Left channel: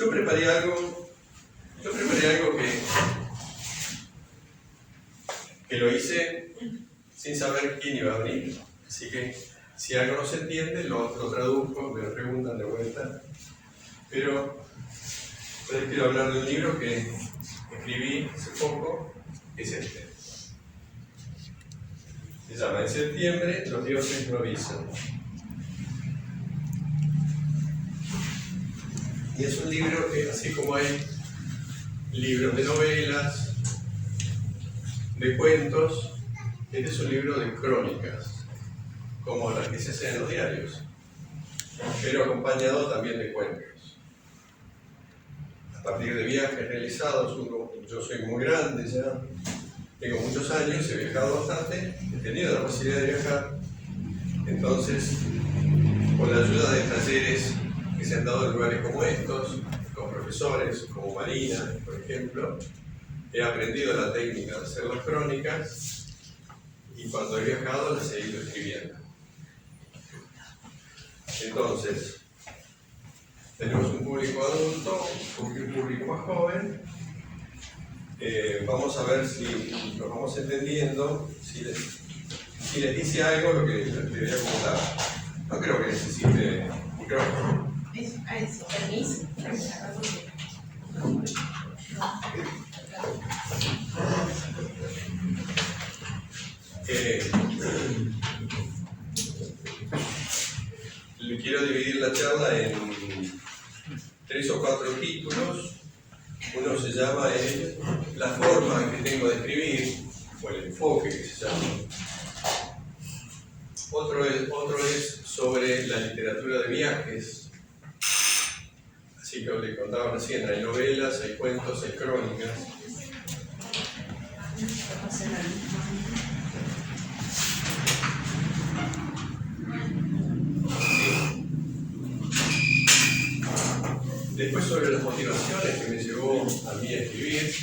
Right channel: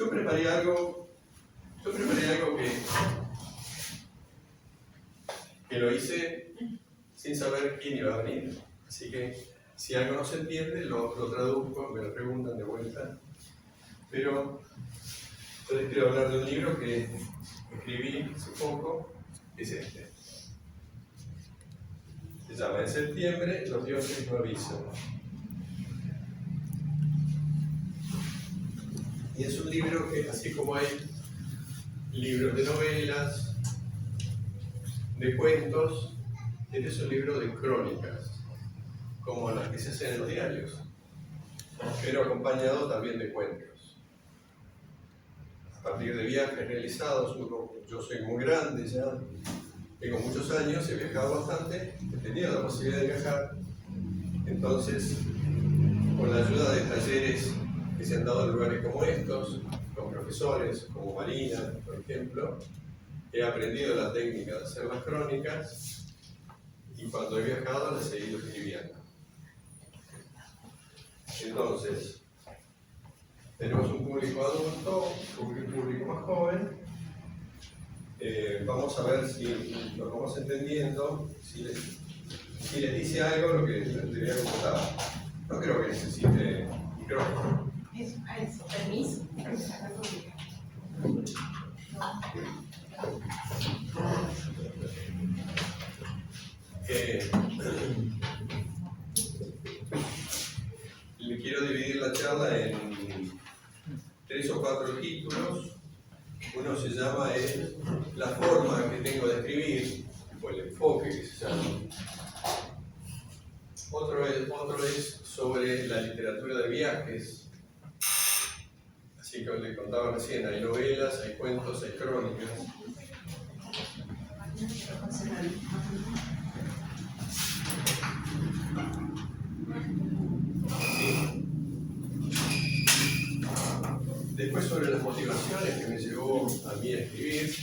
Yo preparé algo que lo hice sin saber quién iba a venir. Así que si algo no se entiende, lo traduzco, me lo preguntan de vuelta. Pero les quiero hablar de un libro que escribí hace poco, que es este. Se llama En septiembre los dioses no avisan. Y es un libro que, así como hay libros de novelas, de cuentos, este es un libro de crónicas, como las que se hacen en los diarios, pero acompañado también de cuentos. A partir de viajes realizados, yo soy muy grande ya, tengo muchos años, he viajado bastante, he tenido la posibilidad de viajar, entonces, con la ayuda de talleres que se han dado en lugares como estos, con profesores como Marina, por ejemplo, he aprendido la técnica de hacer las crónicas y cuando he viajado las he ido escribiendo. Entonces, tenemos un público adulto, un público más joven. Vamos a ver si nos vamos entendiendo, si les dice algo lo que les voy a contar. No creo que necesite micrófono. Eso, permiso. Le quiero dividir la charla en 3 o 4 títulos. Uno se llama la forma que tengo de escribir, o el enfoque que se llama. Otro es sobre la literatura de viajes. Así que le contaban recién, hay novelas, hay cuentos, hay crónicas. Después sobre las motivaciones que me llevó a mí a escribir.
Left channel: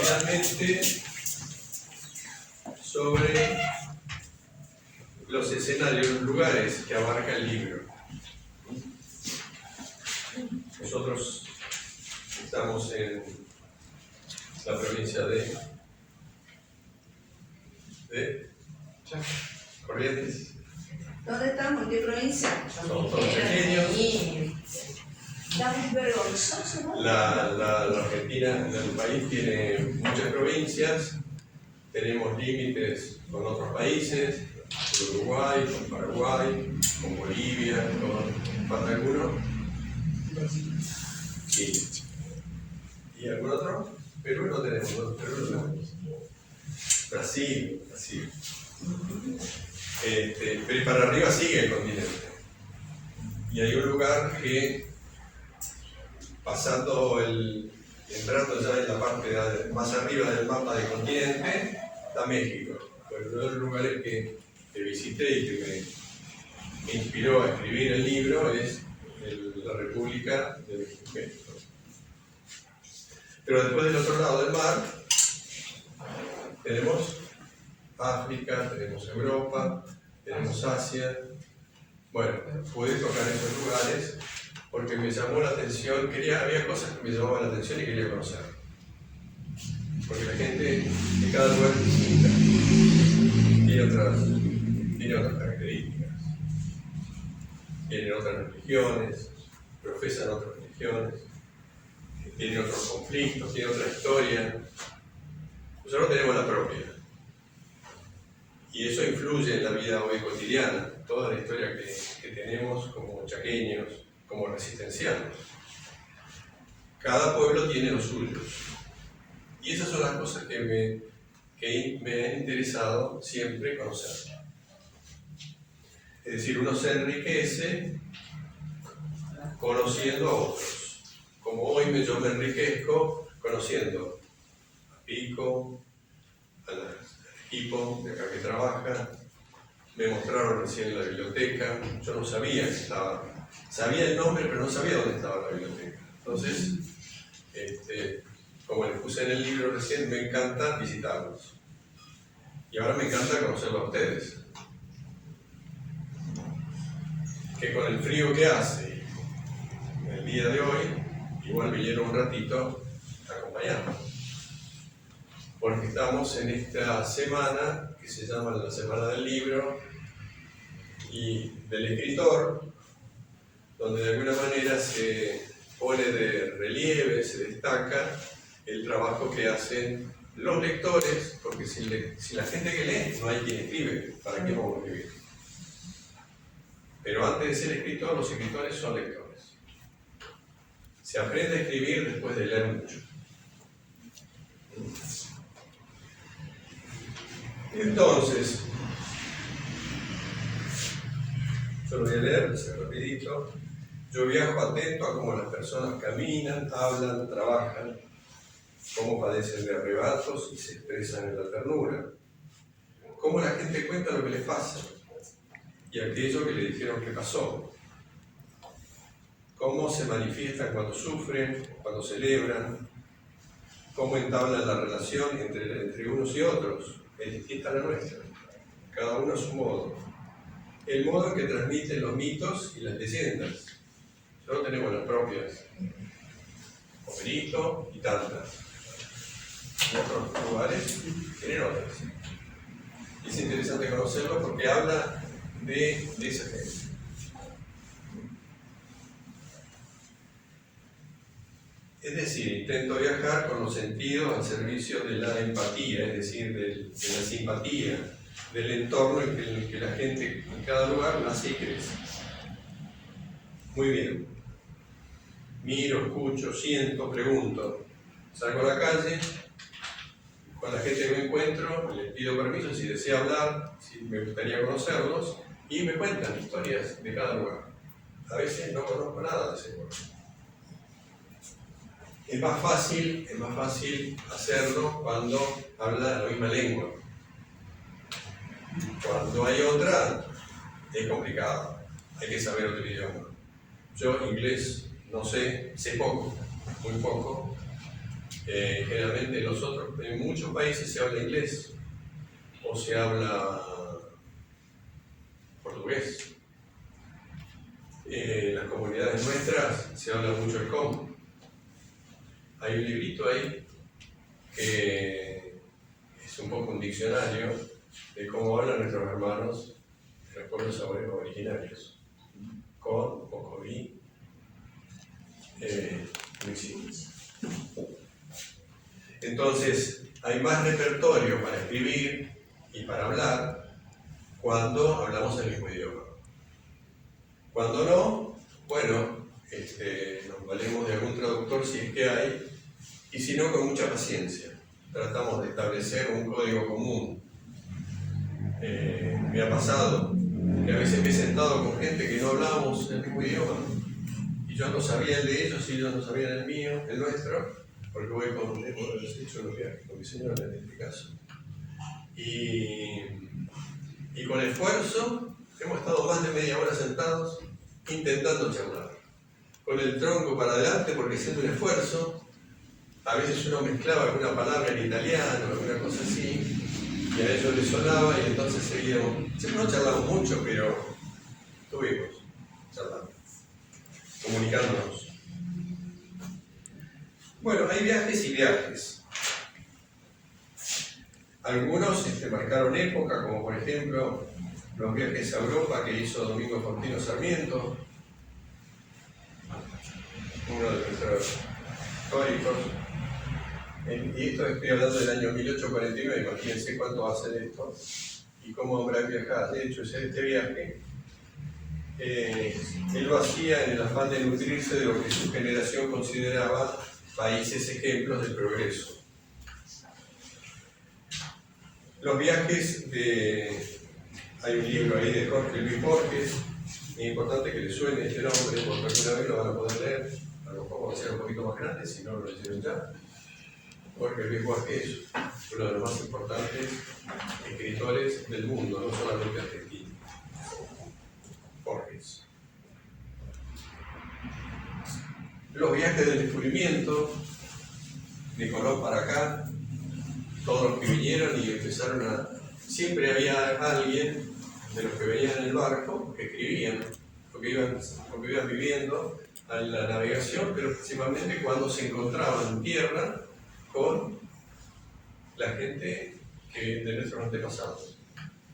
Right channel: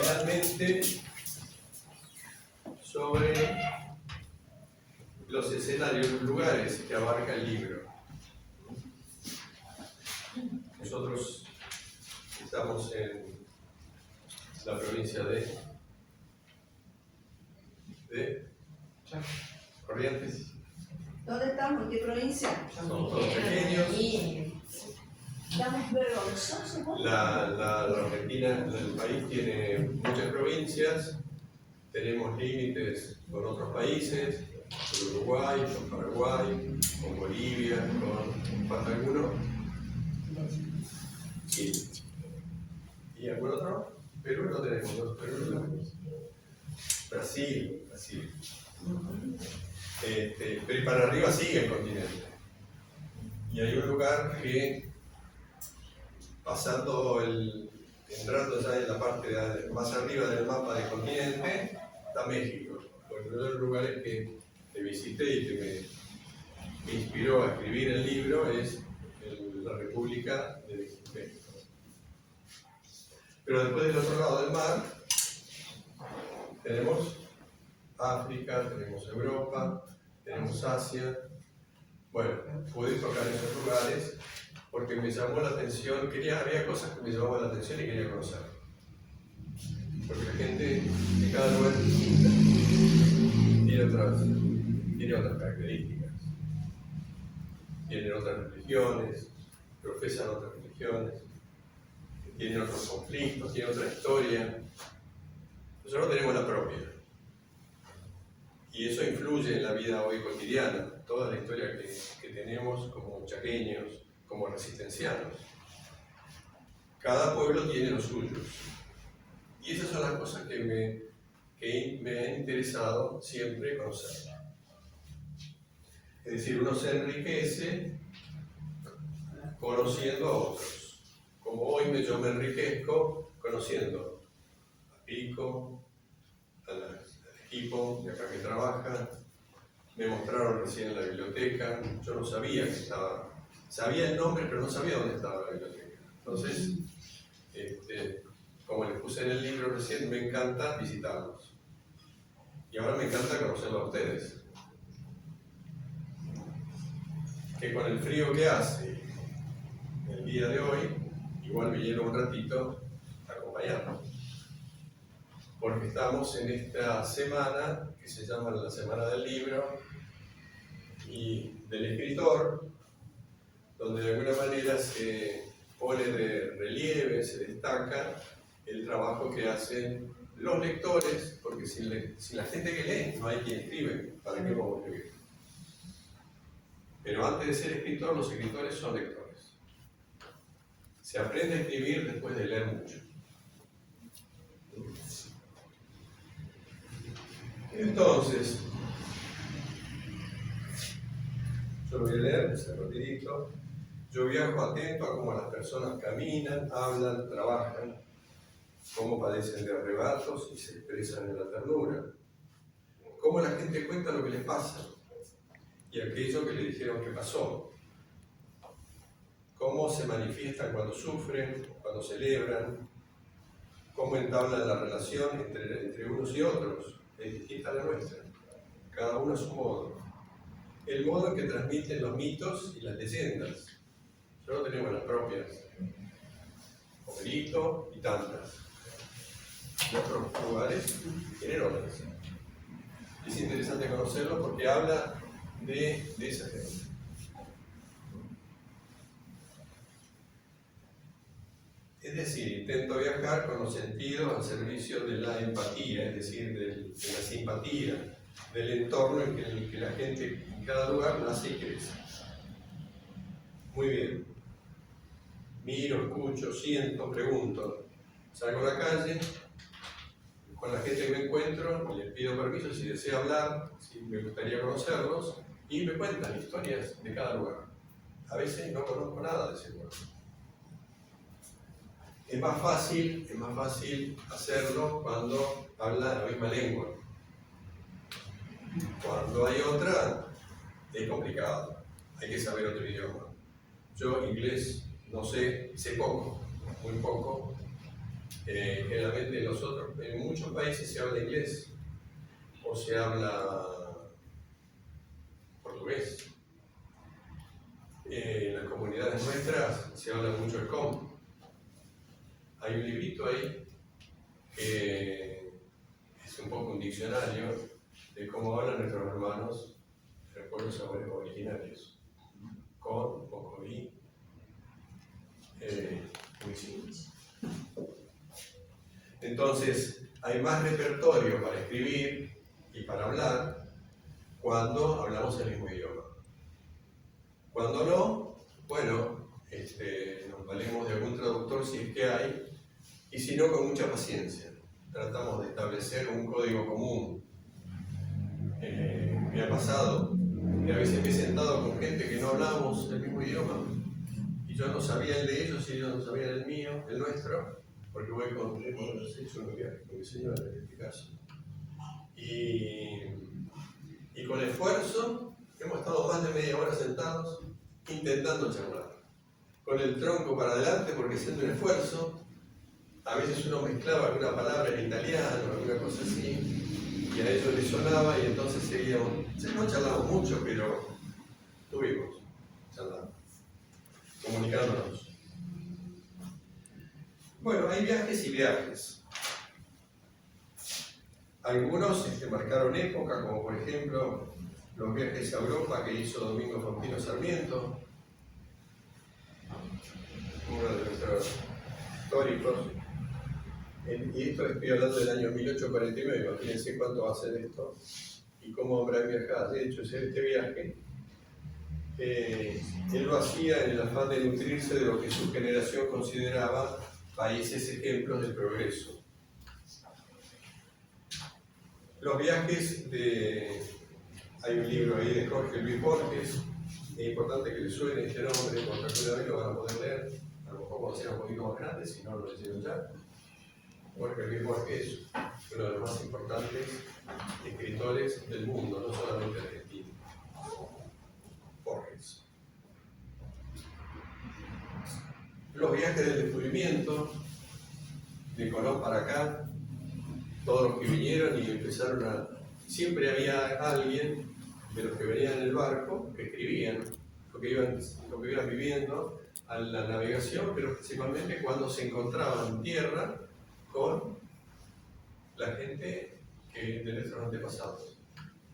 Finalmente, sobre los escenarios, los lugares que abarca el libro. Nosotros estamos en la provincia de Corrientes. ¿Dónde estamos? ¿En qué provincia? Son todos pequeños. Estamos vergonzosos, ¿no? La Argentina, el país, tiene muchas provincias. Tenemos límites con otros países, con Uruguay, con Paraguay, con Bolivia, ¿falta alguno? Sí. ¿Y algún otro? Perú no tenemos, ¿no? Perú no tenemos. Brasil. Pero para arriba sigue el continente. Y hay un lugar que, entrando ya en la parte más arriba del mapa del continente, está México. Bueno, uno de los lugares que visité y que me inspiró a escribir el libro es la República de México. Pero después del otro lado del mar, tenemos África, tenemos Europa, tenemos Asia. Bueno, pude tocar esos lugares porque me llamó la atención, había cosas que me llamaban la atención y quería conocer. Porque la gente de cada lugar es distinta, tiene otras características, tienen otras religiones, profesan otras religiones, tienen otros conflictos, tienen otra historia. Nosotros tenemos la propia. Y eso influye en la vida hoy cotidiana, toda la historia que tenemos como chaqueños, como resistencianos. Cada pueblo tiene los suyos. Y esas son las cosas que me han interesado siempre conocer. Es decir, uno se enriquece conociendo a otros. Como hoy yo me enriquezco conociendo a Pico, al equipo de acá que trabaja. Me mostraron recién en la biblioteca, yo no sabía que estaba, sabía el nombre pero no sabía dónde estaba la biblioteca. Entonces, como les puse en el libro recién, me encanta visitarlos. Y ahora me encanta conocerlos a ustedes. Que con el frío que hace día de hoy igual vinieron un ratito a acompañarnos. Porque estamos en esta semana que se llama la Semana del Libro y del Escritor, donde de alguna manera se pone de relieve, se destaca el trabajo que hacen los lectores, porque sin la gente que lee no hay quien escribe. ¿Para qué vamos a escribir? Pero antes de ser escritor, los escritores son lectores. Se aprende a escribir después de leer mucho. Entonces, yo lo voy a leer, así rapidito. Yo viajo atento a cómo las personas caminan, hablan, trabajan, cómo padecen de arrebatos y se expresan en la ternura, cómo la gente cuenta lo que les pasa y aquello que le dijeron que pasó, cómo se manifiestan cuando sufren, cuando celebran, cómo entablan la relación entre unos y otros. Es distinta a la nuestra, cada uno a su modo. El modo en que transmiten los mitos y las leyendas. Solo tenemos las propias, Homerito y tantas. En otros lugares tienen otras. Y es interesante conocerlo porque habla de esa gente. Es decir, intento viajar con los sentidos al servicio de la empatía, es decir, de la simpatía, del entorno en el que la gente en cada lugar nace y crece. Muy bien. Miro, escucho, siento, pregunto. Salgo a la calle, con la gente que me encuentro, les pido permiso si desea hablar, si me gustaría conocerlos, y me cuentan historias de cada lugar. A veces no conozco nada de ese lugar. Es más fácil hacerlo cuando habla la misma lengua. Cuando hay otra, es complicado. Hay que saber otro idioma. Yo inglés no sé, sé poco, muy poco. Generalmente en muchos países se habla inglés o se habla portugués. En las comunidades nuestras se habla mucho el Congo. Hay un librito ahí que es un poco un diccionario de cómo hablan nuestros hermanos de los pueblos originarios. Con, Cocoví, Mixi. Entonces, hay más repertorio para escribir y para hablar cuando hablamos el mismo idioma. Cuando no, bueno, nos valemos de algún traductor si es que hay, y si no, con mucha paciencia. Tratamos de establecer un código común. Me ha pasado que a veces me he sentado con gente que no hablábamos el mismo idioma, y yo no sabía el de ellos y ellos no sabían el mío, el nuestro, porque hemos hecho unos viajes con mi señora en este caso. Y con esfuerzo hemos estado más de media hora sentados intentando charlar. Con el tronco para adelante porque haciendo un esfuerzo, a veces uno mezclaba alguna palabra en italiano, alguna cosa así, y a ellos les sonaba y entonces seguíamos. No charlamos mucho, pero estuvimos charlando, comunicándonos. Bueno, hay viajes y viajes. Algunos marcaron época, como por ejemplo los viajes a Europa que hizo Domingo Faustino Sarmiento, uno de nuestros históricos. Y esto estoy hablando del año 1849, imagínense cuánto hace de esto y cómo habrá viajado. De hecho, este viaje, él lo hacía en el afán de nutrirse de lo que su generación consideraba países ejemplos del progreso. Los viajes hay un libro ahí de Jorge Luis Borges, es importante que les suene este nombre porque alguna vez lo van a poder leer, a lo mejor va a ser un poquito más grande si no lo leyeron ya. Jorge Luis Borges es uno de los más importantes escritores del mundo, no solamente argentino. Borges. Los viajes del descubrimiento, de Colón para acá, todos los que vinieron y empezaron a... Siempre había alguien de los que venían en el barco que escribían lo que iban viviendo a la navegación, pero principalmente cuando se encontraban en tierra con la gente de nuestros antepasados.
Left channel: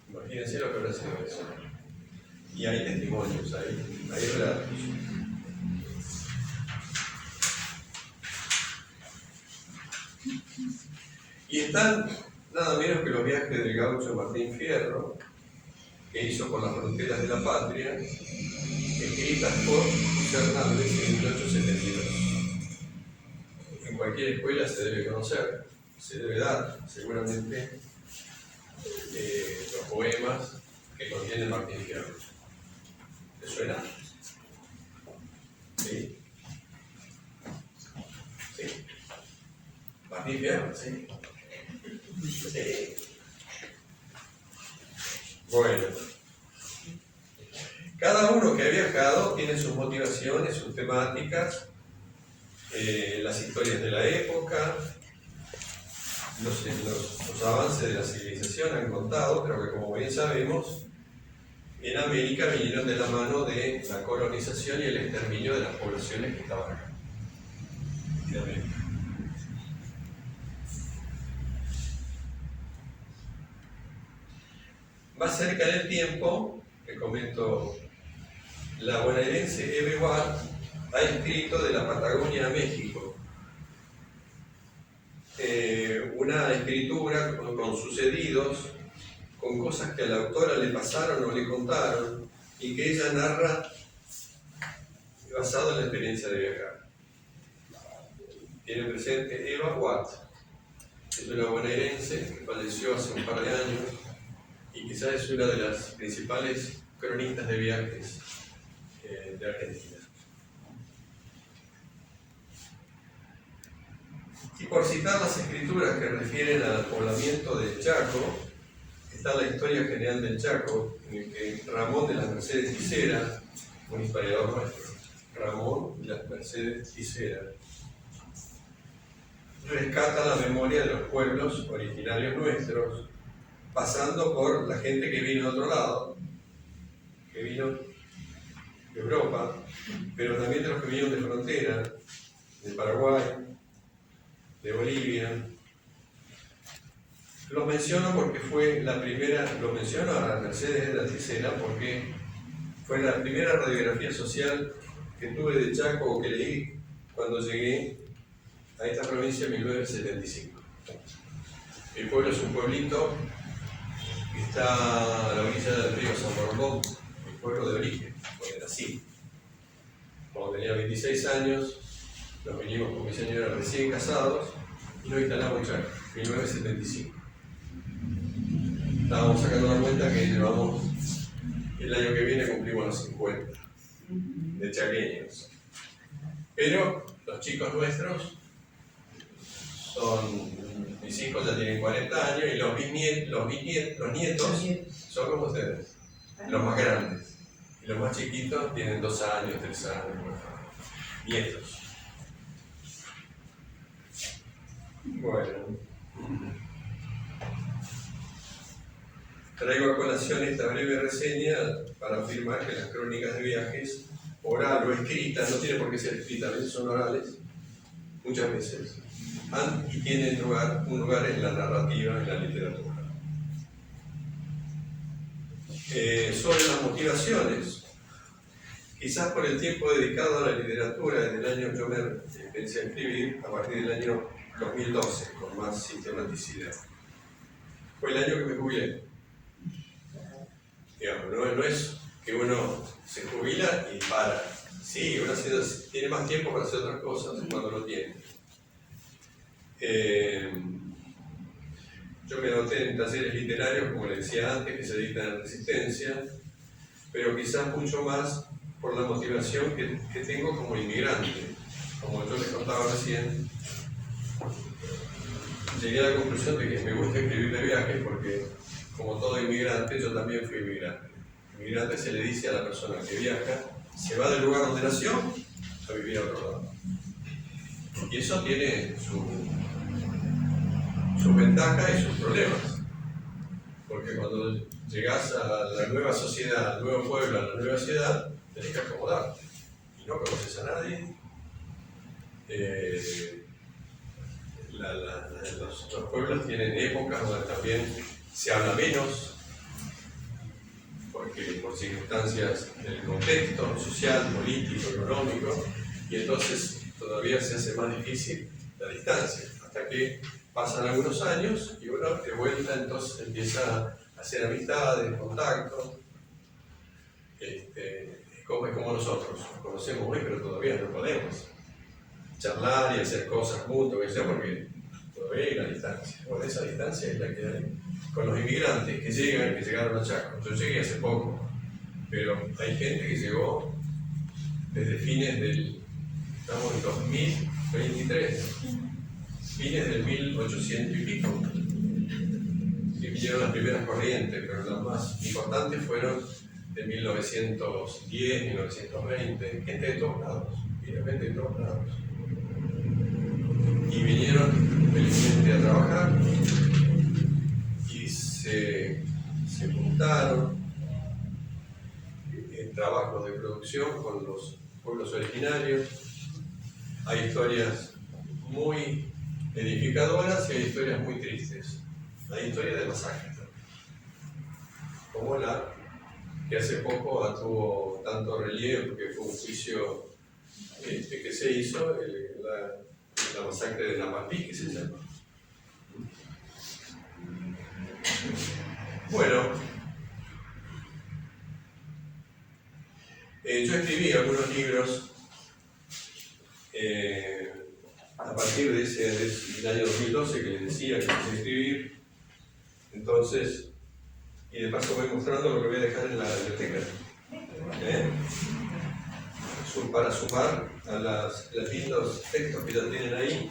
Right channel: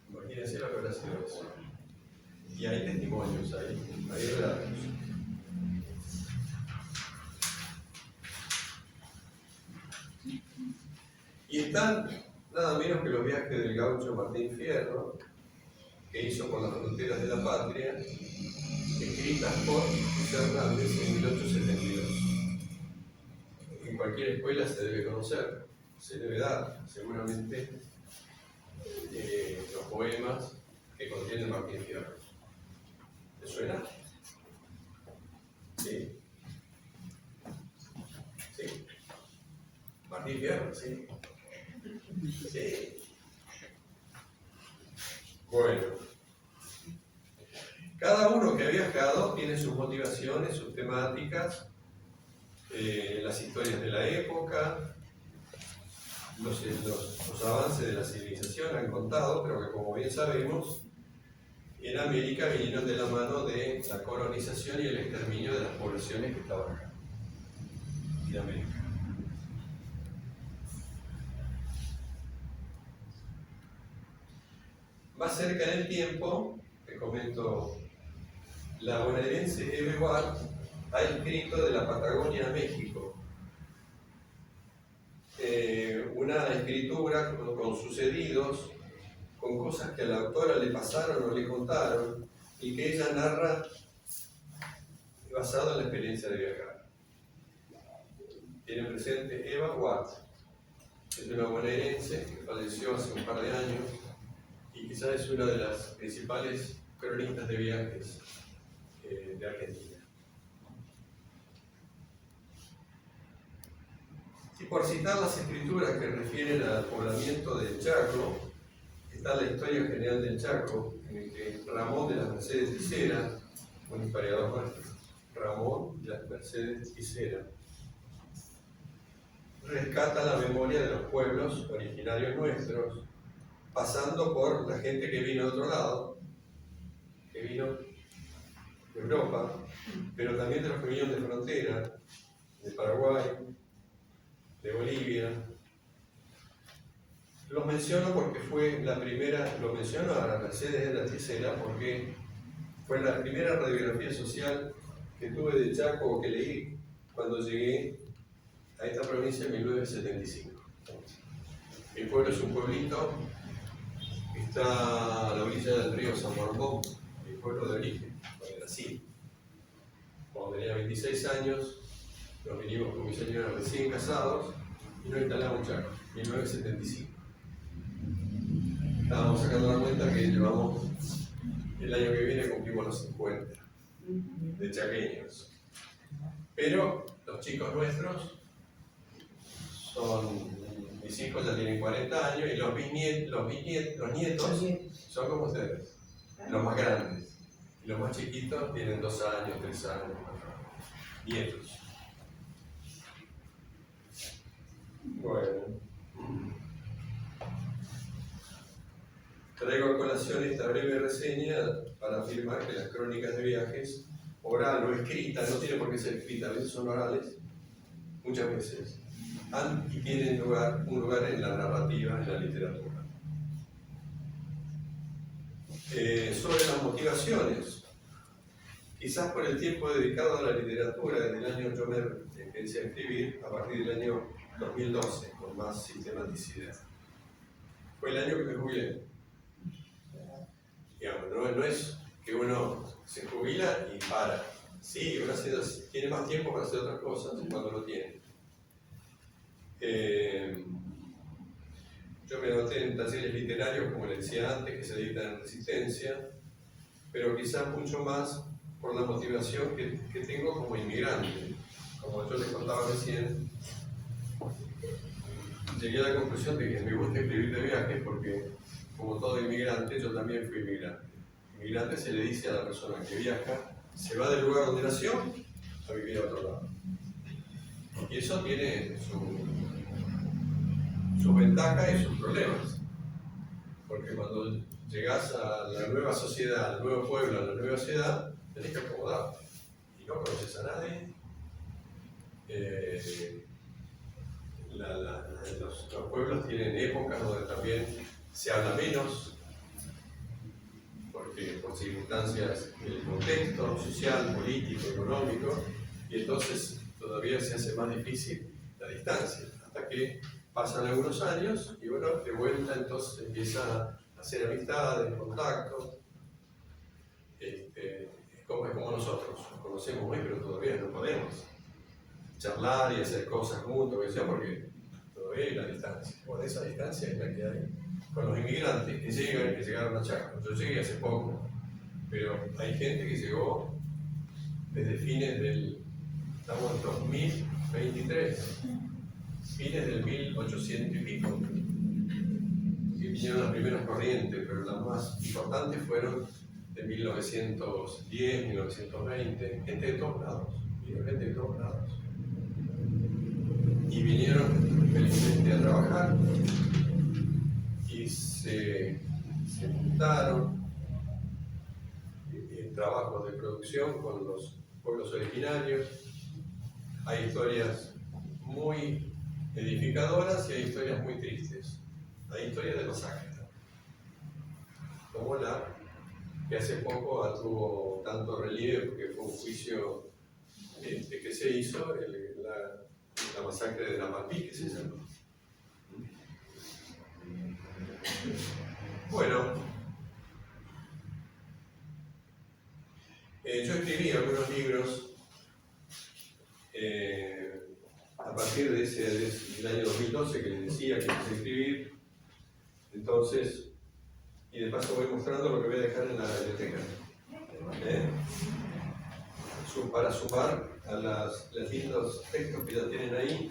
Imagínense lo que habrá sido eso. Y hay testimonios, hay relatos. Y están nada menos que los viajes del gaucho Martín Fierro, que hizo por las fronteras de la patria, escritas por Hernández en 1872. En cualquier escuela se debe conocer, se debe dar seguramente los poemas que contiene Martín Fierro. ¿Te suena? ¿Sí? ¿Sí? Martín Fierro, ¿sí? Sí. Bueno, cada uno que ha viajado tiene sus motivaciones, sus temáticas, las historias de la época, los avances de la civilización han contado, pero que como bien sabemos, en América vinieron de la mano de la colonización y el exterminio de las poblaciones que estaban acá, en América. Más cerca en el tiempo, te comento, la bonaerense Eve Ward ha escrito de la Patagonia a México. Una escritura con sucedidos, con cosas que a la autora le pasaron o le contaron, y que ella narra basado en la experiencia de viajar. Tiene presente Eva Watt, es una bonaerense que falleció hace un par de años, y quizás es una de las principales cronistas de viajes de Argentina. Y por citar las escrituras que refieren al poblamiento del Chaco, está la historia general del Chaco, en el que Ramón de las Mercedes Ticera, un historiador nuestro, Ramón de las Mercedes Ticera, rescata la memoria de los pueblos originarios nuestros, pasando por la gente que vino de otro lado, que vino de Europa, pero también de los que vinieron de frontera, de Paraguay, de Bolivia. Lo menciono porque fue la primera, lo menciono a Mercedes de la Ticera porque fue la primera radiografía social que tuve de Chaco o que leí cuando llegué a esta provincia en 1975. Mi pueblo es un pueblito que está a la orilla del río San Borondón, mi pueblo de origen, donde nací. Cuando tenía 26 años, nos vinimos con mi señora recién casados y nos instalamos en Chaco, 1975. Estábamos sacando la cuenta que llevamos, el año que viene cumplimos los 50 de chaqueños. Pero los chicos nuestros son, mis hijos ya tienen 40 años y los nietos son como ustedes, los más grandes. Y los más chiquitos tienen 2 años, 3 años, nietos. Bueno, traigo a colación esta breve reseña para afirmar que las crónicas de viajes, oral o escritas, no tiene por qué ser escritas, a veces son orales, muchas veces, han y tienen un lugar en la narrativa, en la literatura. Sobre las motivaciones, quizás por el tiempo dedicado a la literatura, desde el año, yo me empecé a escribir a partir del año 2012, con más sistematicidad. Fue el año que me jubilé. Digamos, no es que uno se jubila y para. Sí, uno tiene más tiempo para hacer otras cosas cuando lo tiene. Yo me anoté en talleres literarios, como les decía antes, que se dictan en Resistencia, pero quizás mucho más por la motivación que tengo como inmigrante. Como yo les contaba recién, llegué a la conclusión de que me gusta escribir de viajes porque, como todo inmigrante, yo también fui inmigrante. Inmigrante se le dice a la persona que viaja, se va del lugar donde nació a vivir a otro lado. Y eso tiene sus ventajas y sus problemas. Porque cuando llegás a la nueva sociedad, al nuevo pueblo, a la nueva ciudad, tenés que acomodarte. Y no conoces a nadie, los pueblos tienen épocas donde también se habla menos, porque por circunstancias del contexto social, político, económico, y entonces todavía se hace más difícil la distancia, hasta que pasan algunos años y bueno, de vuelta entonces empieza a hacer amistades, contactos. Es como nosotros, nos conocemos hoy, pero todavía no podemos charlar y hacer cosas juntos, que sea, porque todavía hay la distancia. Bueno, esa distancia es la que hay con los inmigrantes que llegaron a Chaco. Yo llegué hace poco, pero hay gente que llegó desde fines estamos en 2023, fines del 1800 y pico, que vinieron las primeras corrientes, pero las más importantes fueron de 1910, 1920, gente de todos lados, gente de todos lados. Y vinieron felizmente a trabajar y se juntaron en trabajos de producción con los pueblos originarios. Hay historias muy edificadoras y hay historias muy tristes. Hay historias de masacres, como la que hace poco tuvo tanto relieve porque fue un juicio que se hizo, la masacre de Napalpí, que se llama. Bueno, yo escribí algunos libros a partir del año 2012 que les decía que empecé a escribir. Entonces, y de paso voy mostrando lo que voy a dejar en la biblioteca. Para sumar a los lindos textos que ya tienen ahí.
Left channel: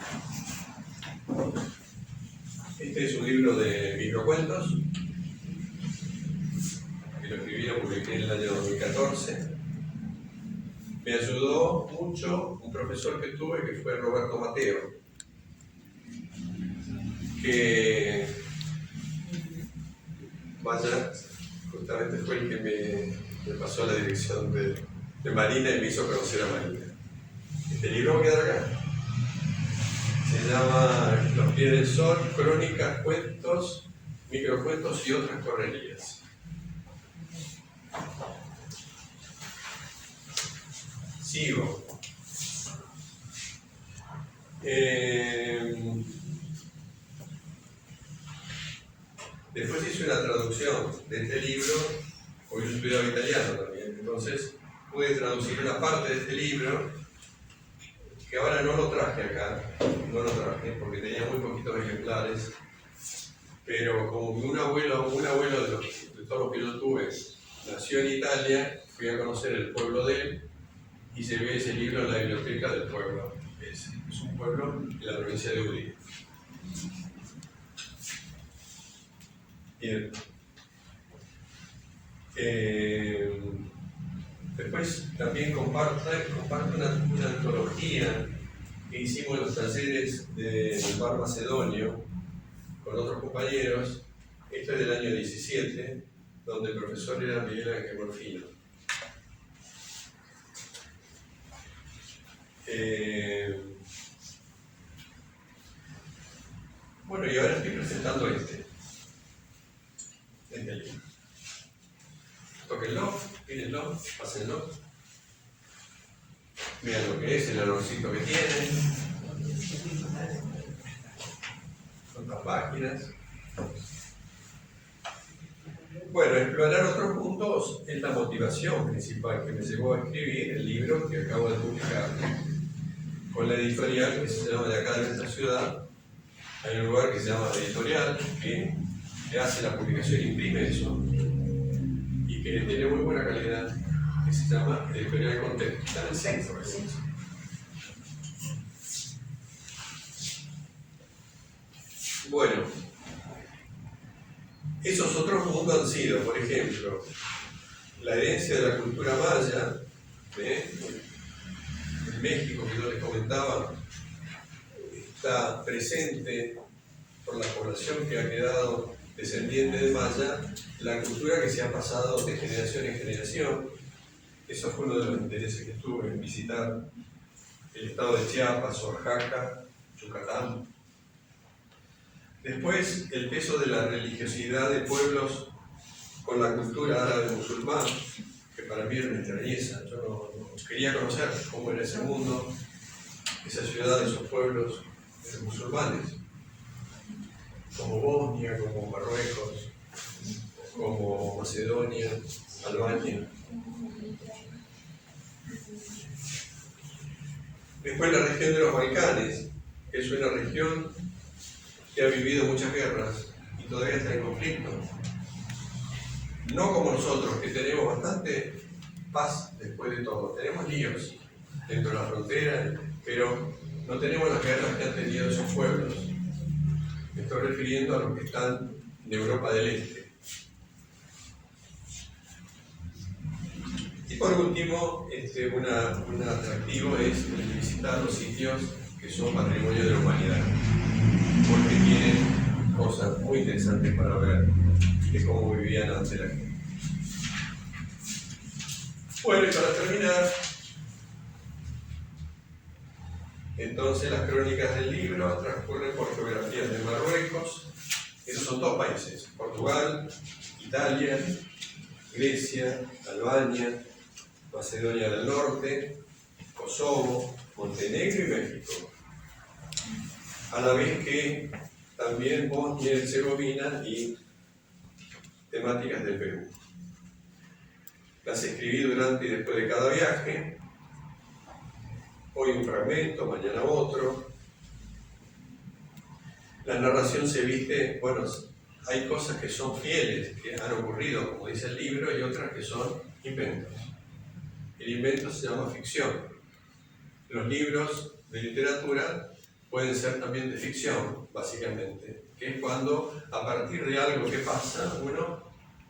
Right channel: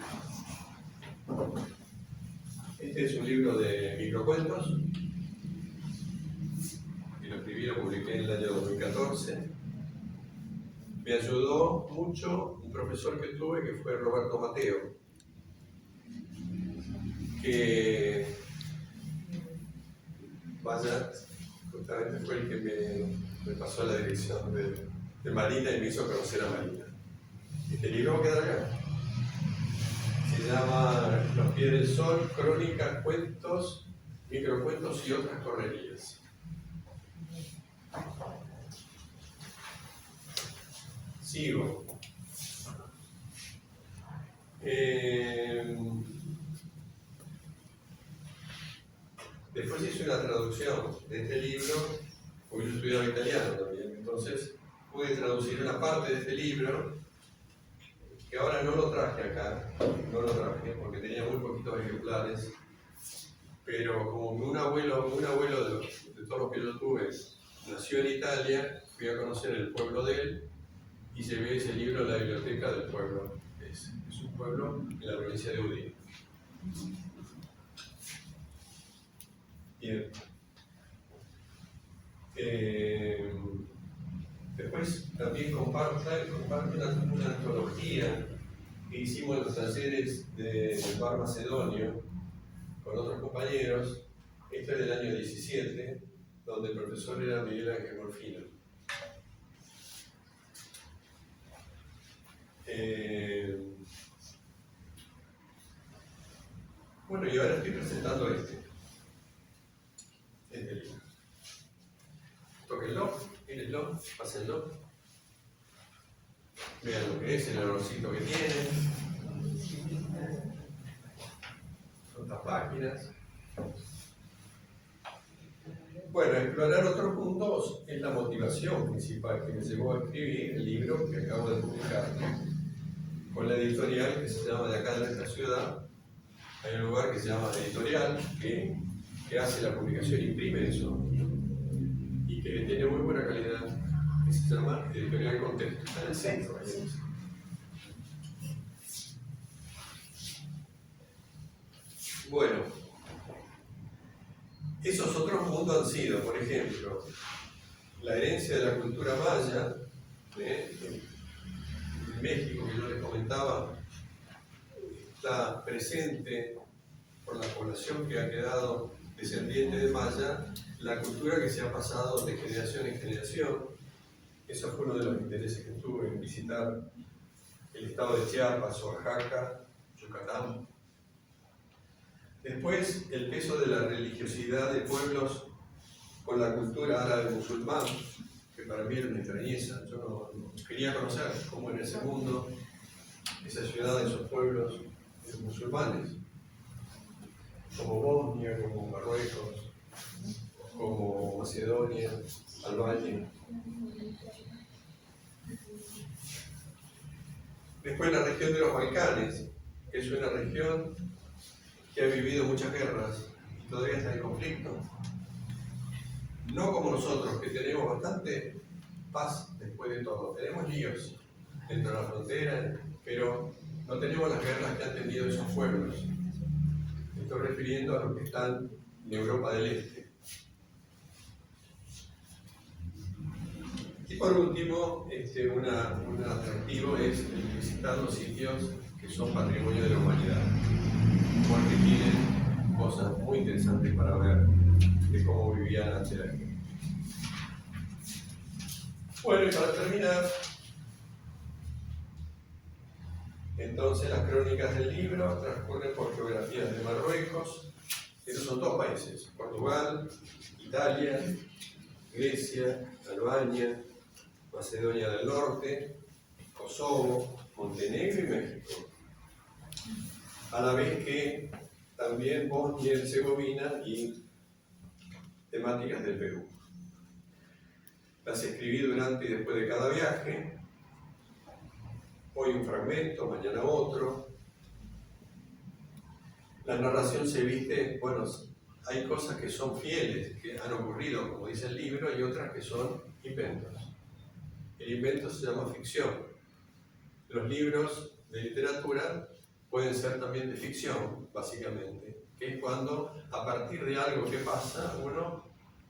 Este es un libro de microcuentos, que lo escribí, lo publiqué en el año 2014. Me ayudó mucho un profesor que tuve, que fue Roberto Mateo, que justamente fue el que me pasó a la dirección de Marina y me hizo conocer a Marina. Este libro va a quedar acá. Se llama Los pies del sol, crónicas, cuentos, microcuentos y otras correrías. Sigo. Después hice una traducción de este libro, porque yo estudiaba italiano también, entonces pude traducir una parte de este libro, que ahora no lo traje acá, porque tenía muy poquitos ejemplares, pero como un abuelo de todos los que yo tuve nació en Italia, fui a conocer el pueblo de él y llevé ese libro a la biblioteca del pueblo. Es un pueblo en la provincia de Udine. Bien. Después también comparto una antología que hicimos en los talleres del Bar Macedonio con otros compañeros. Esto es del año 17, donde el profesor era Miguel Ángel Morfino. Bueno, y ahora estoy presentando este libro. Tóquenlo, mírenlo, pásenlo. Vean lo que es, el olorcito que tiene. Cuántas páginas. Bueno, explorar otros puntos es la motivación principal que me llevó a escribir el libro que acabo de publicar con la editorial que se llama de acá de nuestra ciudad. Hay un lugar que se llama Editorial que hace la publicación, imprime eso y que tiene muy buena calidad, que se llama Editorial Contexto. Está en el centro. Bueno, esos otros mundos han sido, por ejemplo, la herencia de la cultura maya, en México, que yo les comentaba, está presente por la población que ha quedado descendiente de maya, la cultura que se ha pasado de generación en generación. Eso fue uno de los intereses que tuve en visitar el estado de Chiapas, Oaxaca, Yucatán. Después, el peso de la religiosidad de pueblos con la cultura árabe musulmán, que para mí era una extrañeza. Yo no quería conocer cómo era ese mundo, esa ciudad, esos pueblos musulmanes, como Bosnia, como Marruecos, como Macedonia, Albania. Después la región de los Balcanes, que es una región que ha vivido muchas guerras y todavía está en conflicto. No como nosotros, que tenemos bastante paz después de todo. Tenemos líos dentro de la frontera, pero no tenemos las guerras que han tenido esos pueblos. Me estoy refiriendo a los que están en Europa del Este. Y por último, un atractivo es el visitar los sitios que son patrimonio de la humanidad, porque tienen cosas muy interesantes para ver de cómo vivían antes la gente. Bueno, y para terminar, entonces las crónicas del libro transcurren por geografías de Marruecos. Esos son dos países: Portugal, Italia, Grecia, Albania, Macedonia del Norte, Kosovo, Montenegro y México. A la vez que también Bosnia y Herzegovina y temáticas del Perú. Las escribí durante y después de cada viaje. Hoy un fragmento, mañana otro. La narración se viste, bueno, hay cosas que son fieles, que han ocurrido, como dice el libro, y otras que son inventos. El invento se llama ficción. Los libros de literatura pueden ser también de ficción, básicamente, que es cuando a partir de algo que pasa uno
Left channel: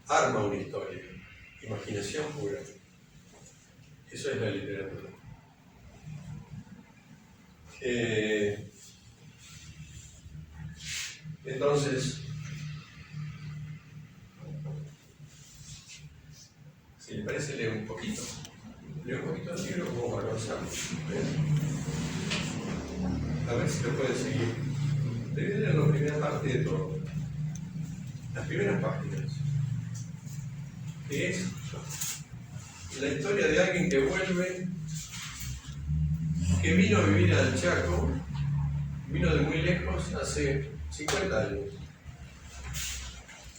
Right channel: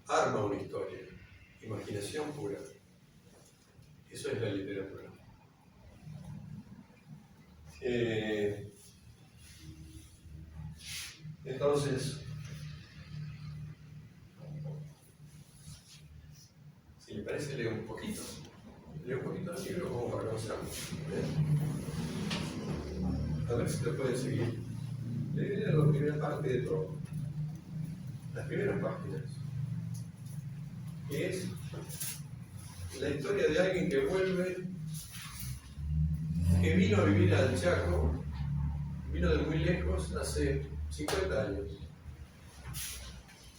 arma una historia. Imaginación pura. Eso es la literatura. Entonces, si le parece, leo un poquito. Leo un poquito del libro como para pasarlo. A ver si lo pueden seguir. Debe leer la primera parte de todo. Las primeras páginas. Que es la historia de alguien que vuelve, que vino a vivir al Chaco, vino de muy lejos hace 50 años.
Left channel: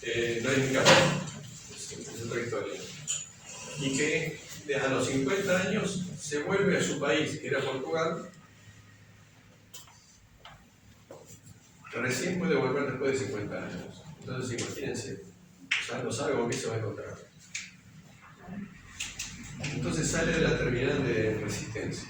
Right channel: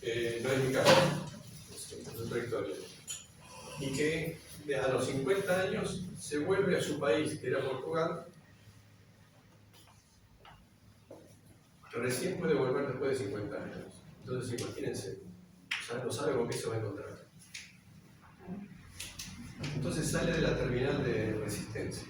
No es mi caso, es otra historia. Y que a los 50 años se vuelve a su país, que era Portugal. Recién puede volver después de 50 años. Entonces imagínense, o sea, no sabe con qué se va a encontrar. Entonces sale de la terminal de Resistencia.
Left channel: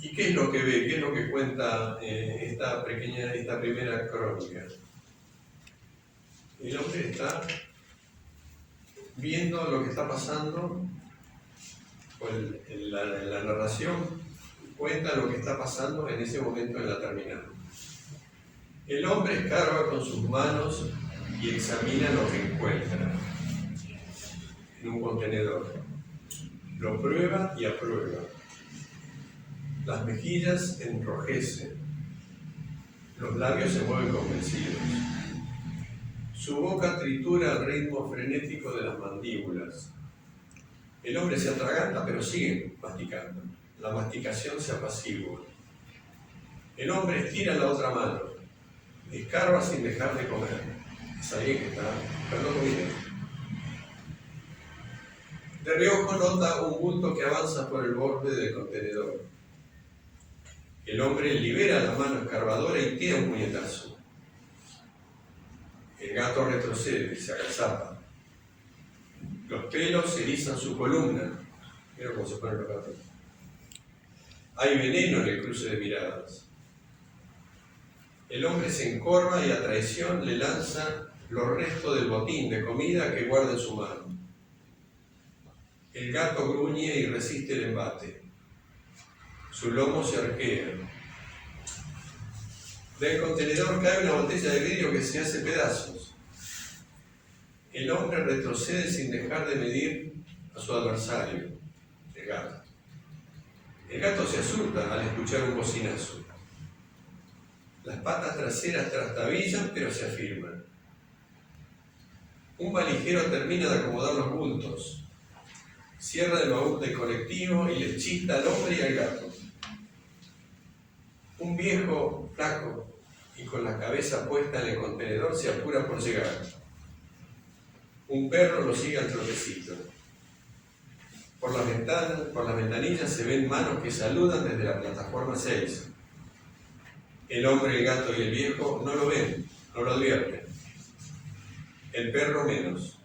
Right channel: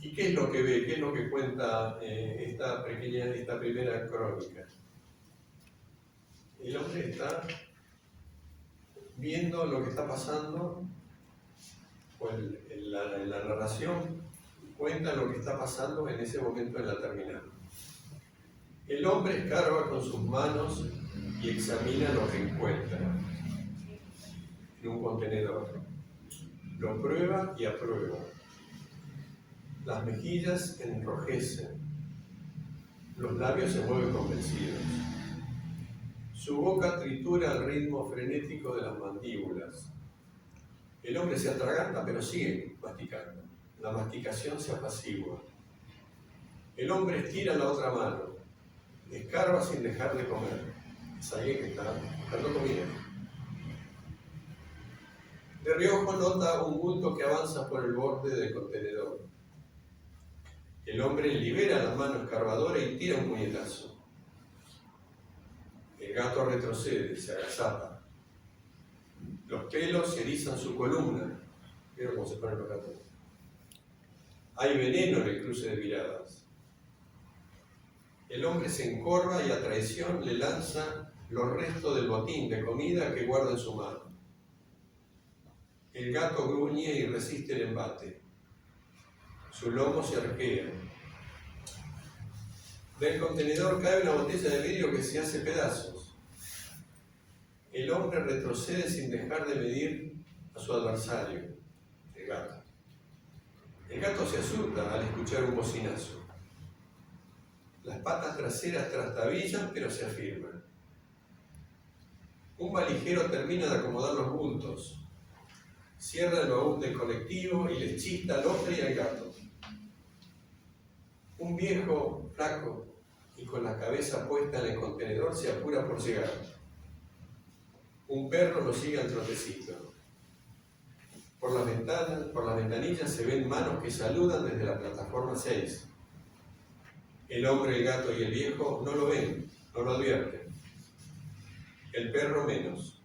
¿Y qué es lo que ve? ¿Qué es lo que cuenta esta primera crónica? El hombre está viendo lo que está pasando, la narración cuenta lo que está pasando en ese momento en la terminal. El hombre escarba con sus manos y examina lo que encuentra en un contenedor. Lo prueba y aprueba. Las mejillas enrojecen. Los labios se mueven convencidos. Su boca tritura al ritmo frenético de las mandíbulas. El hombre se atraganta, pero sigue masticando. La masticación se apacigua. El hombre estira la otra mano. Escarba sin dejar de comer. Es alguien que está buscando comida. De reojo nota un bulto que avanza por el borde del contenedor. El hombre libera la mano escarbadora y tira un puñetazo. El gato retrocede, se agazapa. Los pelos erizan su columna. Mira cómo se ponen los gatos. Hay veneno en el cruce de miradas. El hombre se encorva y a traición le lanza los restos del botín de comida que guarda en su mano. El gato gruñe y resiste el embate. Su lomo se arquea. Del contenedor cae una botella de vidrio que se hace pedazos. El hombre retrocede sin dejar de medir a su adversario, el gato. El gato se asusta al escuchar un bocinazo. Las patas traseras trastabillan, pero se afirman. Un valijero termina de acomodar los bultos. Cierra el baúl del colectivo y le chista al hombre y al gato. Un viejo, flaco y con la cabeza puesta en el contenedor se apura por llegar. Un perro lo sigue al trotecito. Por las ventanillas se ven manos que saludan desde la plataforma 6. El hombre, el gato y el viejo no lo ven, no lo advierten. El perro menos.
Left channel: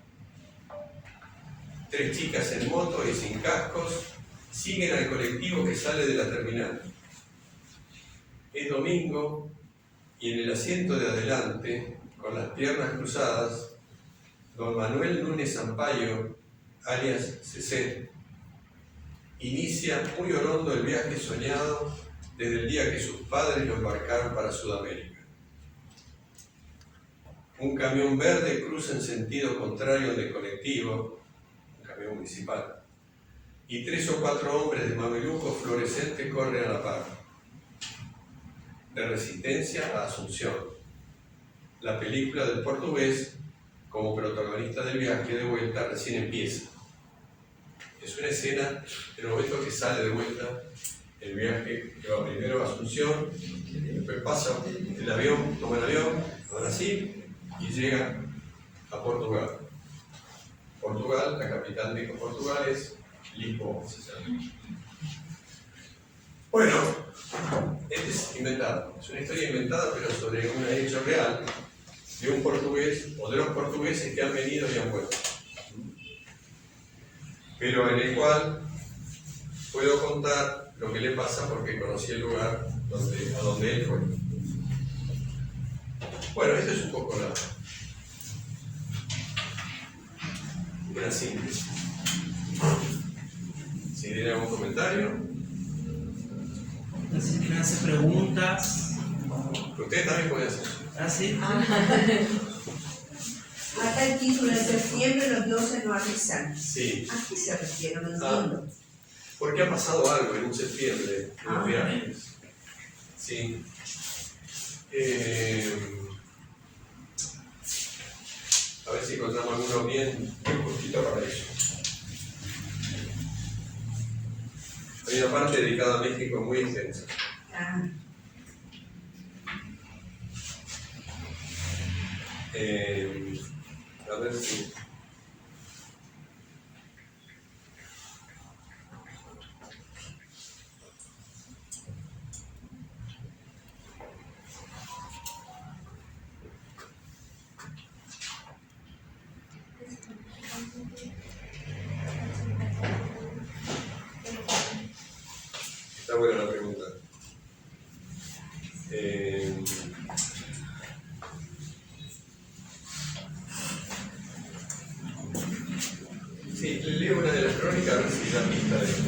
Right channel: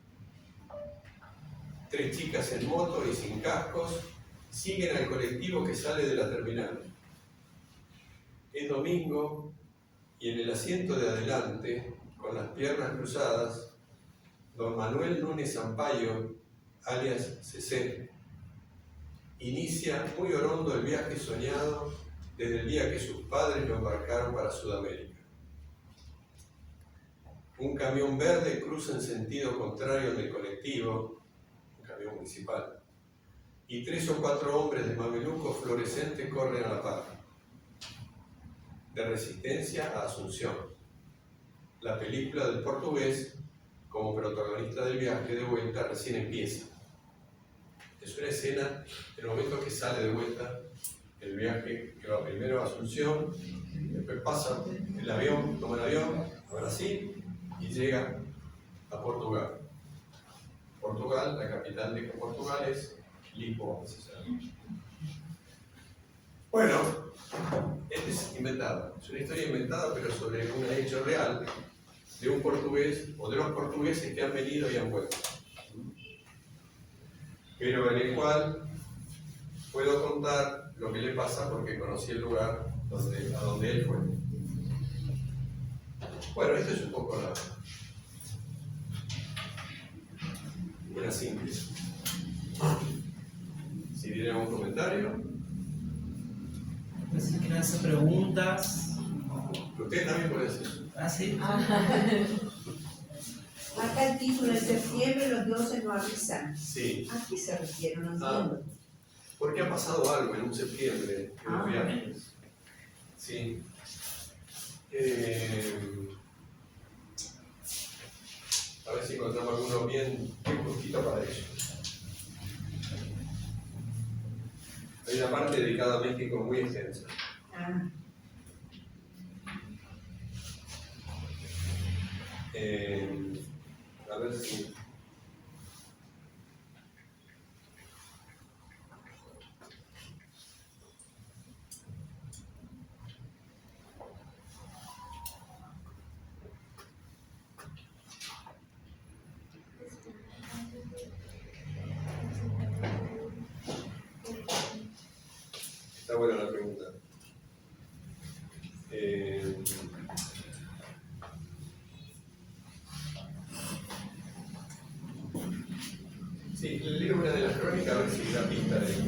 3 chicas en moto y sin cascos siguen al colectivo que sale de la terminal. Es domingo y en el asiento de adelante, con las piernas cruzadas, don Manuel Núñez Sampaio, alias CC, inicia muy orondo el viaje soñado desde el día que sus padres lo embarcaron para Sudamérica. Un camión verde cruza en sentido contrario del colectivo, un camión municipal, y 3 o 4 hombres de mamelucos fluorescentes corren a la par. De Resistencia a Asunción, la película del portugués como protagonista del viaje de vuelta recién empieza. Es una escena en el momento que sale de vuelta el viaje, que va primero a Asunción, después pasa el avión, toma el avión a Brasil y llega a Portugal. Portugal, la capital de Portugal es Lisboa. Bueno, este es inventado, es una historia inventada, pero sobre un hecho real de un portugués o de los portugueses que han venido y han vuelto. Pero en el cual puedo contar lo que le pasa porque conocí el lugar a donde él fue. Bueno, esto es un poco una síntesis. Si tiene algún comentario. No sé si quieren hacer preguntas. Ustedes también pueden hacer. ¿Ah, sí? Acá el título de septiembre, los dioses no avisan. Sí. ¿A qué se refiere? No entiendo. Porque ha pasado algo en un septiembre en los viajes. Sí. A ver si encontramos alguno bien justito para eso. Hay una parte dedicada a México muy intensa. A ver si... Está buena la pregunta. Sí, le leo una de las crónicas a ver si da pista de esto.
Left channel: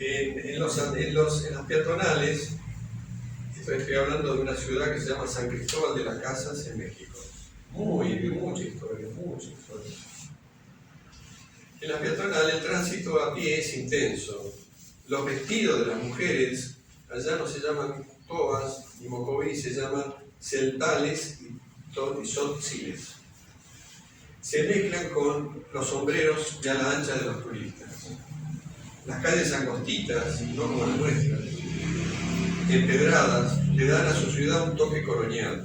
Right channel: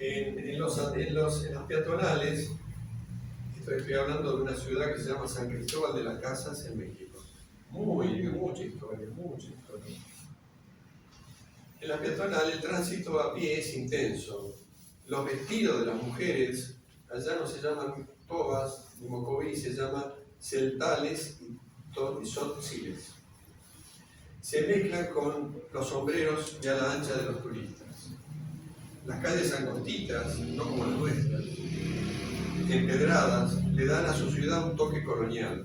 En las peatonales, estoy hablando de una ciudad que se llama San Cristóbal de las Casas en México. Mucha historia. En la peatonal el tránsito a pie es intenso. Los vestidos de las mujeres allá no se llaman togas ni mocoví, se llaman celtales y tzotziles. Se mezclan con los sombreros de ala ancha de los turistas. Las calles angostitas, no como las nuestras, empedradas, le dan a su ciudad un toque colonial.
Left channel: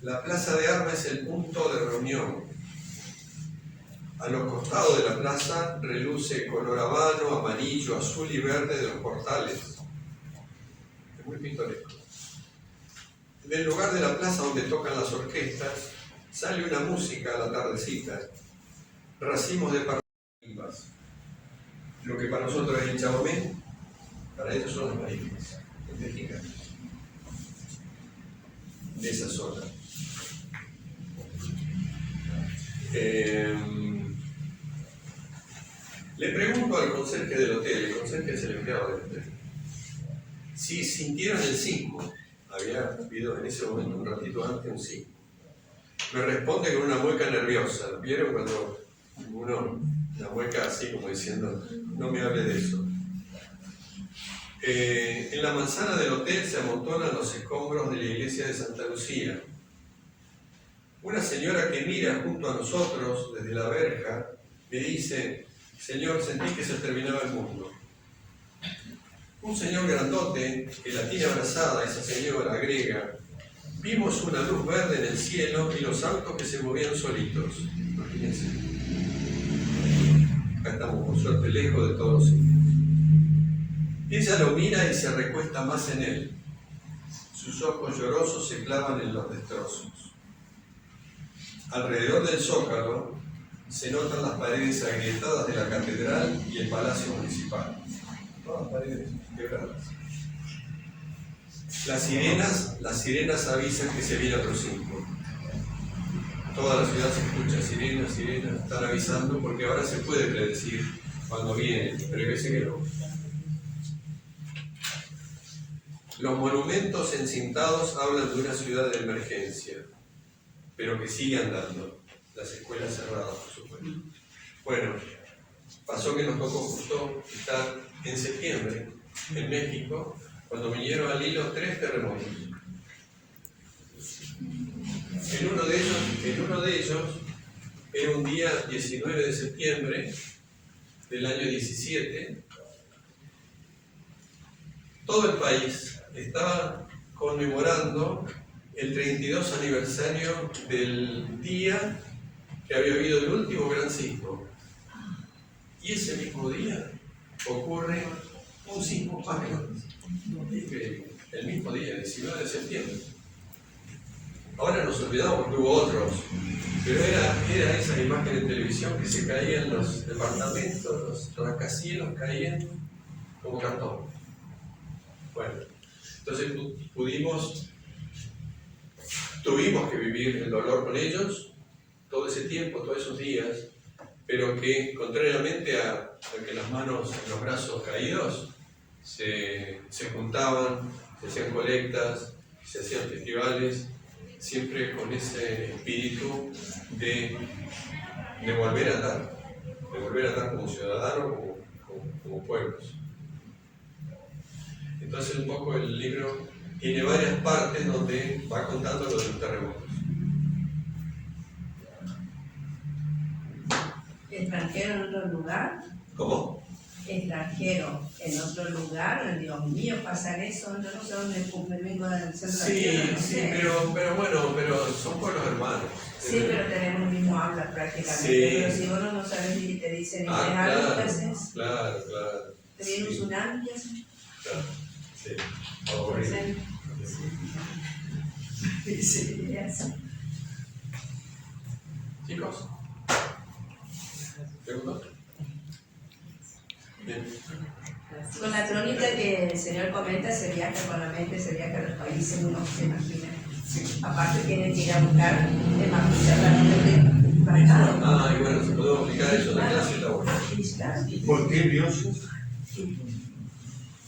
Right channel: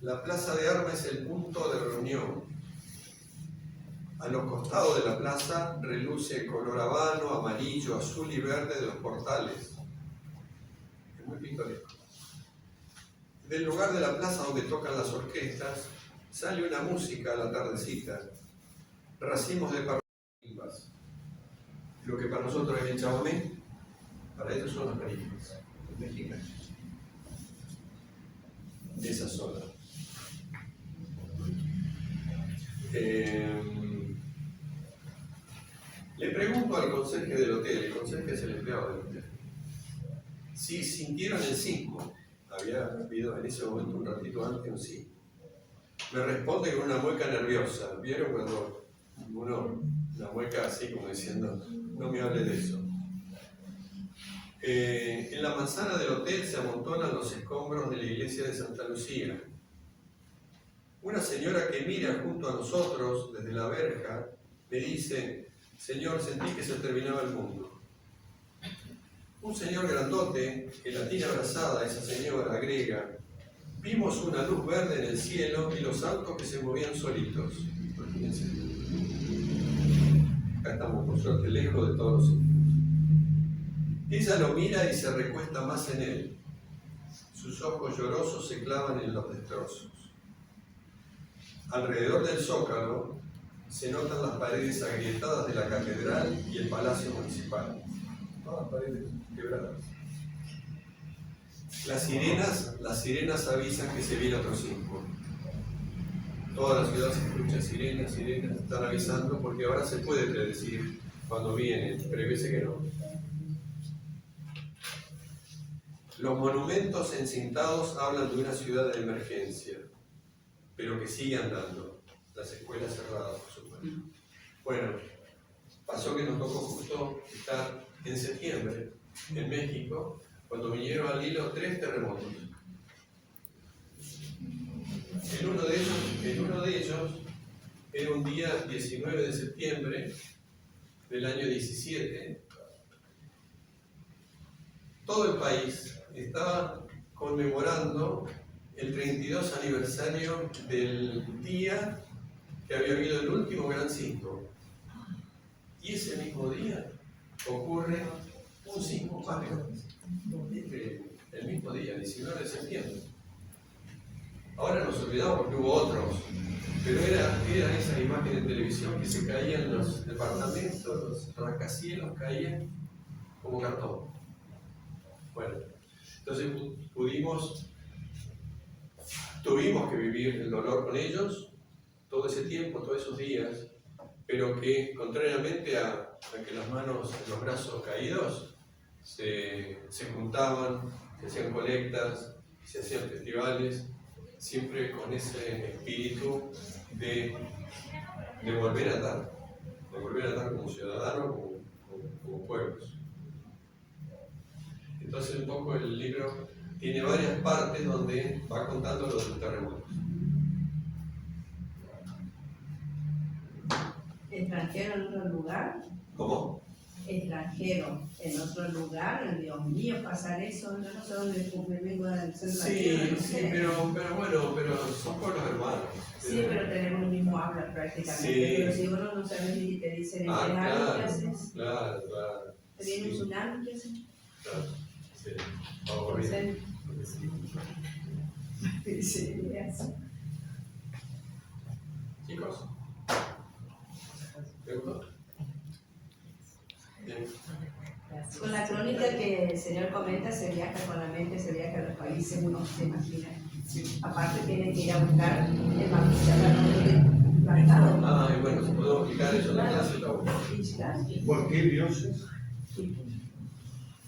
La plaza de armas es el punto de reunión. A los costados de la plaza reluce color habano, amarillo, azul y verde de los portales. Es muy pintoresco. Del lugar de la plaza donde tocan las orquestas, sale una música a la tardecita, racimos de marimbas. Lo que para nosotros es el chamamé, para ellos son las marimbas, los mexicanos, de esa zona. Le pregunto al conserje del hotel, el conserje es el empleado del hotel, si sintieron el sismo. Había habido en ese momento, un ratito antes, un sismo. me responde con una mueca nerviosa. ¿Vieron cuando uno, una mueca así como diciendo, no me hable de eso? En la manzana del hotel se amontonan los escombros de la iglesia de Santa Lucía. Una señora que mira junto a nosotros desde la verja me dice: Señor, sentí que se terminaba el mundo. Un señor grandote que la tiene abrazada, esa señora, agrega: vimos una luz verde en el cielo y los autos que se movían solitos. Imagínense. Acá estamos por suerte lejos de todos los sitios. Ella lo mira y se recuesta más en él. Sus ojos llorosos se clavan en los destrozos. Alrededor del zócalo se notan las paredes agrietadas de la catedral y el palacio municipal. Todas paredes quebradas. Las sirenas avisan que se viene otro sismo. Toda la ciudad se escucha sirenas, están avisando porque ahora se puede predecir cuando vienen, pero hay veces que no. Los monumentos encintados hablan de una ciudad de emergencia, pero que sigue andando. Las escuelas cerradas, por supuesto. Bueno, pasó que nos tocó justo estar en septiembre en México, cuando vinieron al hilo 3 terremotos. En uno de ellos era un día 19 de septiembre del año 17. Todo el país estaba conmemorando el 32 aniversario del día que había habido el último gran sismo. Y ese mismo día ocurre un sismo más grande. El mismo día, 19 de septiembre. Ahora nos olvidamos porque hubo otros, pero era esa imagen en televisión que se caían los departamentos, los rascacielos caían como cartón. Bueno, entonces tuvimos que vivir el dolor con ellos todo ese tiempo, todos esos días, pero que contrariamente a que las manos en los brazos caídos se juntaban, se hacían colectas, se hacían festivales, siempre con ese espíritu de volver a dar como ciudadanos, como pueblos. Entonces un poco el libro tiene varias partes donde va contando lo de los terremotos. ¿Extranjero en otro lugar? ¿Cómo? Extranjero en otro lugar, Dios mío, pasar eso, yo no sé dónde me vengo del centro de la tierra, no Sí, sé. pero son pueblos hermanos. Sí, pero tenemos el mismo habla prácticamente. Sí. Pero si uno no sabes y te dicen ¿qué Claro, ¿qué haces? claro. ¿Te viene un Sí, tsunami? ¿Qué haces? claro, sí. Aburrido. Sí, ya sé. Chicos, ¿te gustó? Bien. Con la crónica que el Señor comenta, se viaja con la mente, se viaja a los países, uno se imagina. Aparte tiene que ir a buscar el mapita para Ah, y bueno, si podemos explicar eso en la clase está bueno. ¿Por qué dioses?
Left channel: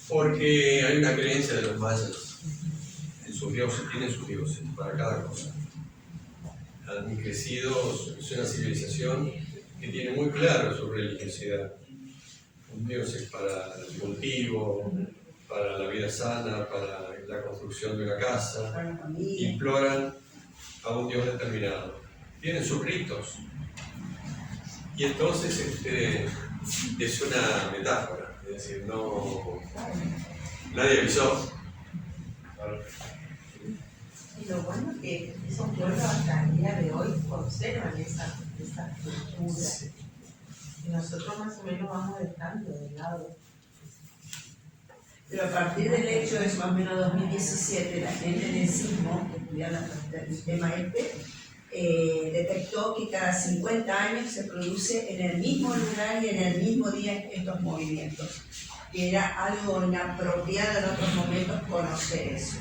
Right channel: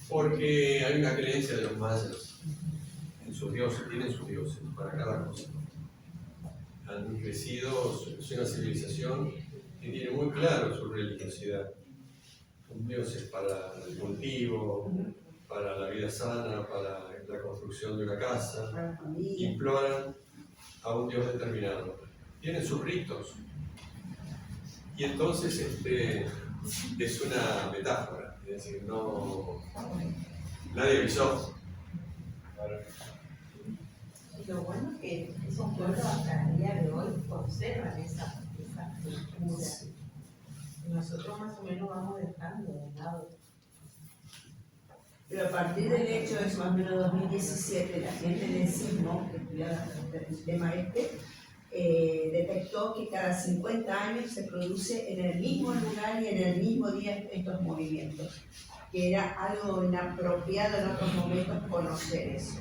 Porque hay una creencia de los mayas en sus dioses, tienen sus dioses para cada cosa. Han crecido, es una civilización que tiene muy claro su religiosidad. Dioses para el cultivo, para la vida sana, para la construcción de una casa. la familia. Imploran a un Dios determinado. Tienen sus ritos. Y entonces es una metáfora, es decir, nadie avisó. Y lo bueno es que esos pueblos hasta el día de hoy conservan esa cultura. Sí. Y nosotros más o menos vamos dejando de lado. Pero a partir del hecho es más o menos 2017, la gente del sismo, que estudiaba el tema detectó que cada 50 años se produce en el mismo lugar y en el mismo día estos movimientos. Que era algo inapropiado en otros momentos conocer eso.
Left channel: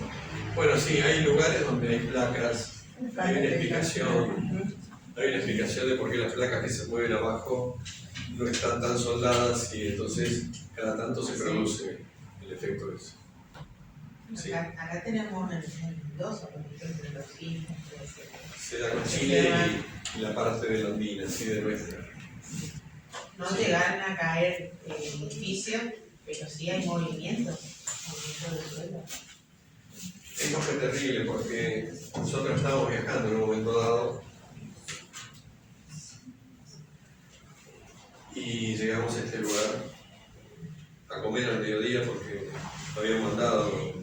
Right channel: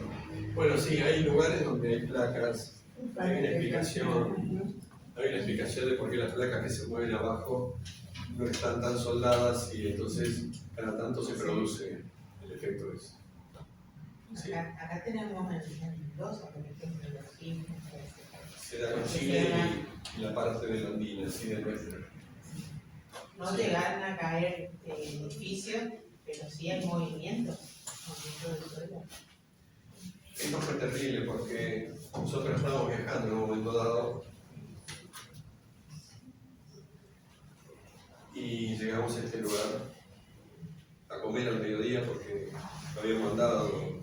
Bueno, sí, hay lugares donde hay placas, hay una explicación de por qué las placas que se mueven abajo no están tan soldadas y entonces cada tanto se produce el efecto de eso. Sí. Acá tenemos en Mendoza, por ejemplo, los sismos, Se da con Chile y la parte de la andina, así de nuestra. No Sí. llegan a caer edificios, pero sí hay movimiento del suelo. Esto fue terrible porque nosotros estábamos viajando en un momento dado y llegamos a este lugar a comer al mediodía porque habíamos mandado.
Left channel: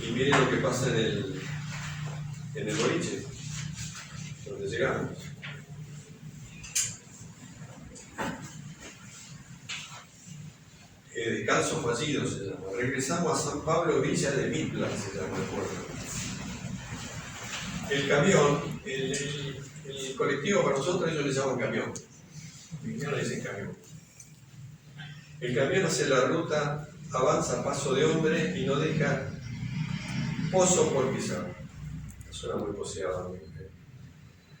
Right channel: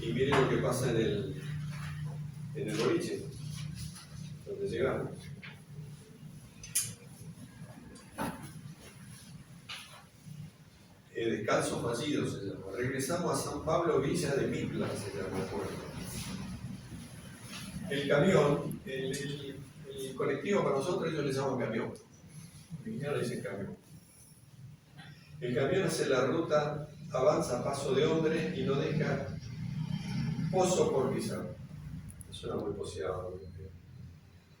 Y miren lo que pasa en el boliche, donde llegamos. Descanso fallido se llama. Regresamos a San Pablo, Villa de Mitla, se llama el pueblo. El camión, el colectivo para nosotros ellos le llaman camión. No le dicen camión. El camión hace la ruta, avanza a paso de hombre y no deja pozo por pisar. Suena muy poseado.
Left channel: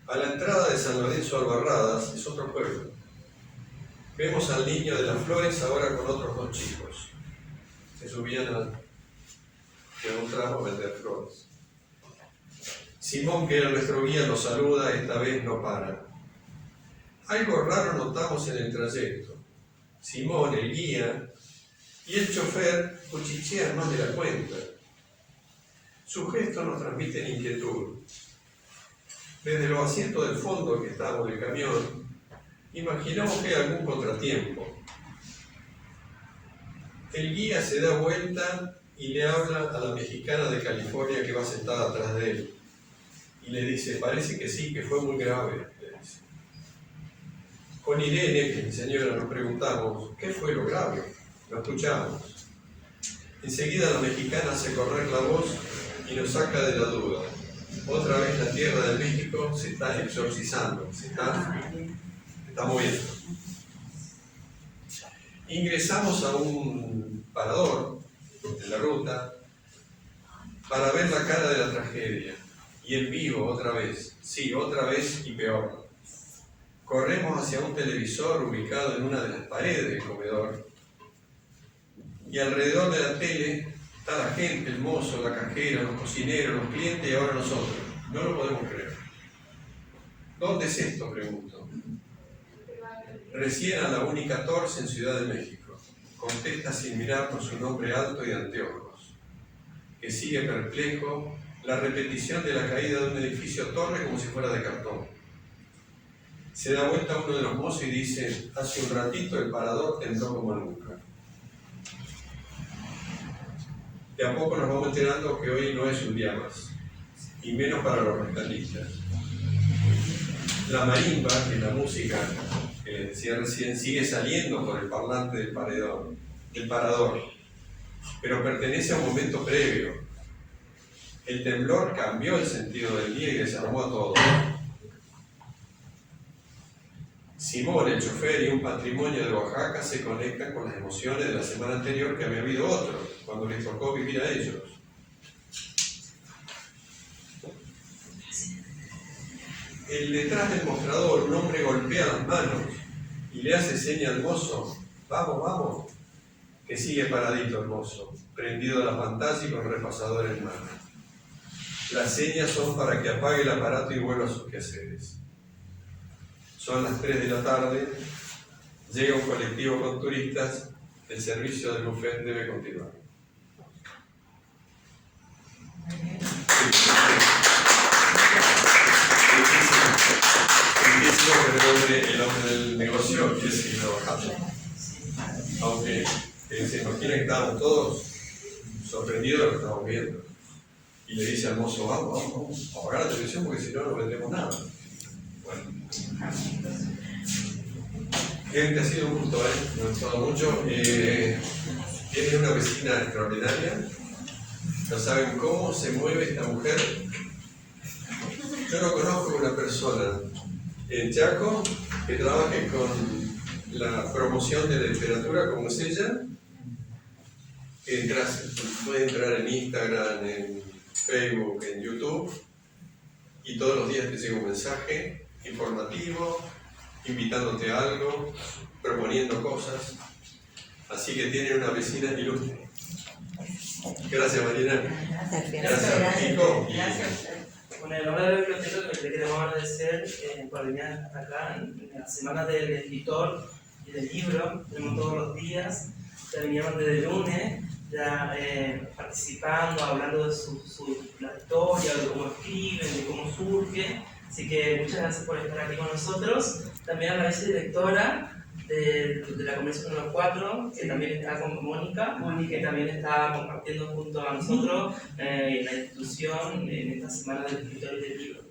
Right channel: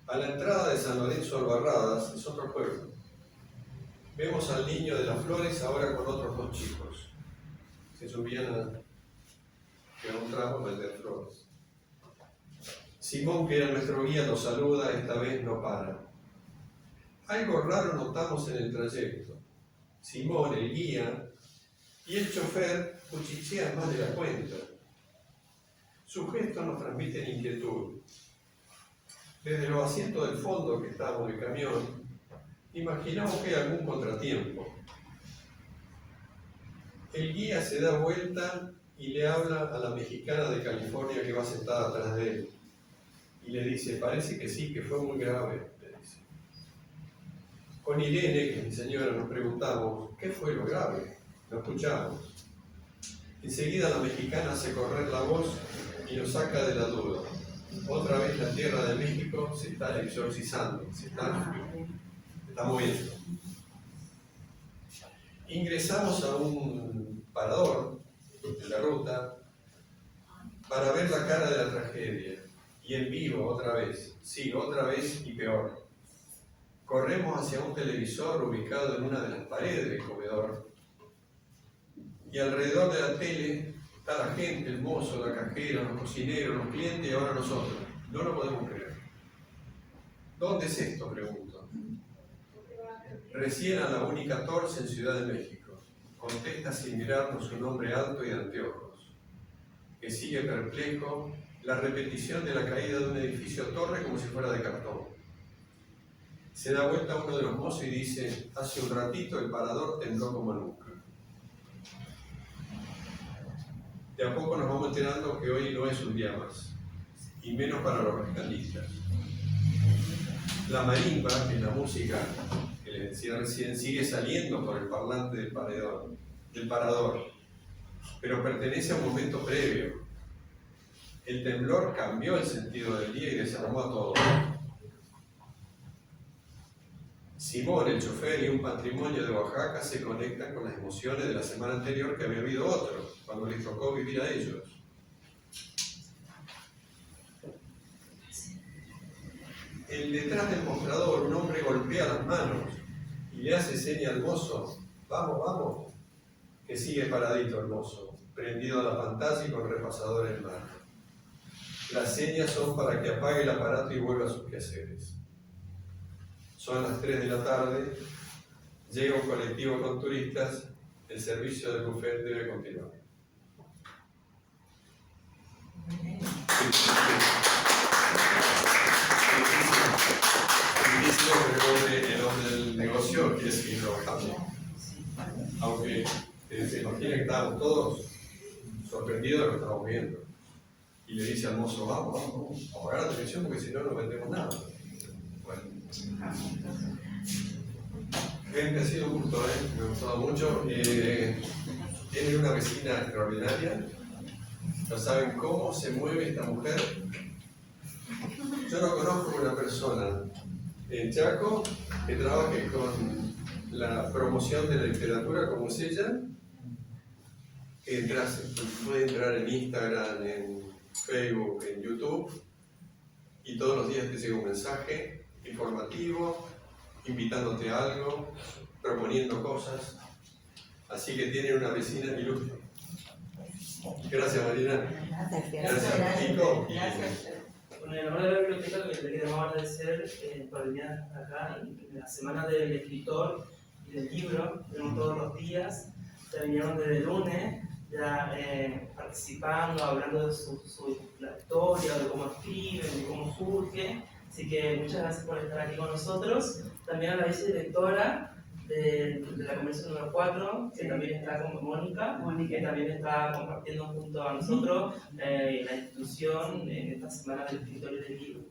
A la entrada de San Lorenzo Albarradas es otro pueblo. Vemos al niño de las flores ahora con otros 2 chicos. Se subían de un tramo a vender flores. Simón, que era nuestro guía, nos saluda, esta vez no para. Algo raro notamos en el trayecto. Simón, el guía, y el chofer cuchichean más de la cuenta. Sus gestos nos transmiten inquietud. Desde los asientos del fondo que estamos del camión, imaginamos que hay algún contratiempo. El guía se da vuelta y le habla a la mexicana de California que va sentada atrás de él. Y le dice, parece que sí, que fue muy grave, le dice. Con Irene, que es mi señora, nos preguntamos, ¿qué fue lo grave? Lo escuchamos. Enseguida la mexicana hace correr la voz y nos saca de la duda. Otra vez la tierra de México se está exorcizando, se está moviendo. Ingresamos a un parador en la ruta para ver la cara de la tragedia. Y en vivo otra vez, sí, otra vez y peor. Corremos hacia un televisor ubicado en una de las paredes del comedor. Y alrededor de la tele está la gente, el mozo, la cajera, los cocineros, los clientes y ahora nosotros. No lo podemos creer. ¿Dónde es esto?, pregunto. Recién a la Uni14 en Ciudad de México. Contesta sin mirarnos un hombre alto y de anteojos, que sigue perplejo la repetición de la caída de un edificio torre como si fuera de cartón. Se da vuelta uno de los mozos y dice, hace un ratito el parador tembló como nunca. De a poco nos vamos enterando que hoy no es un día más, y menos para los rescatistas. La marimba, que es la música que les decía recién, sigue saliendo por el parlante del parador, pero pertenece a un momento previo. El temblor cambió el sentido del día y desarmó a todos. Simón, el chofer y un patrimonio de Oaxaca se conectan con las emociones de la semana anterior que había habido otro, cuando les tocó vivir a ellos. El detrás del mostrador, un hombre golpea las manos y le hace seña al mozo, vamos, vamos, que sigue paradito el mozo, prendido a la pantalla y con el repasador en mano. Las señas son para que apague el aparato y vuelva a sus quehaceres. Son las 3 de la tarde, llega un colectivo con turistas, el servicio del buffet debe continuar. El hombre del negocio quiere seguir trabajando. Aunque se imagina que estábamos todos sorprendidos de lo que estamos viendo. Y le dice al mozo, vamos, a apagar la televisión porque si no, no vendemos nada. Bueno. Gente, ha sido un gusto, me ha gustado mucho. Tiene una vecina extraordinaria. No saben cómo se mueve esta mujer. Yo no conozco una persona en Chaco que trabaje con la promoción de la literatura como es ella. Que puede entrar en Instagram, en Facebook, en YouTube, y todos los días te llega un mensaje informativo, invitándote a algo, proponiendo cosas. Así que tienen una vecina ilustre. Gracias, Marina. Gracias. Kiko. Gracias. Bueno, en la hora de la biblioteca lo que le queremos agradecer por venir hasta acá en la semana del escritor y del libro. Tenemos todos los días, ya vinieron desde el lunes, ya participando, hablando de la historia, de cómo escriben, de cómo surge. Así que muchas gracias por estar aquí con nosotros. También a la vicedirectora de la Convención número 4, que también está con Mónica, que también está compartiendo junto a nosotros la institución en esta semana del escritor y del libro.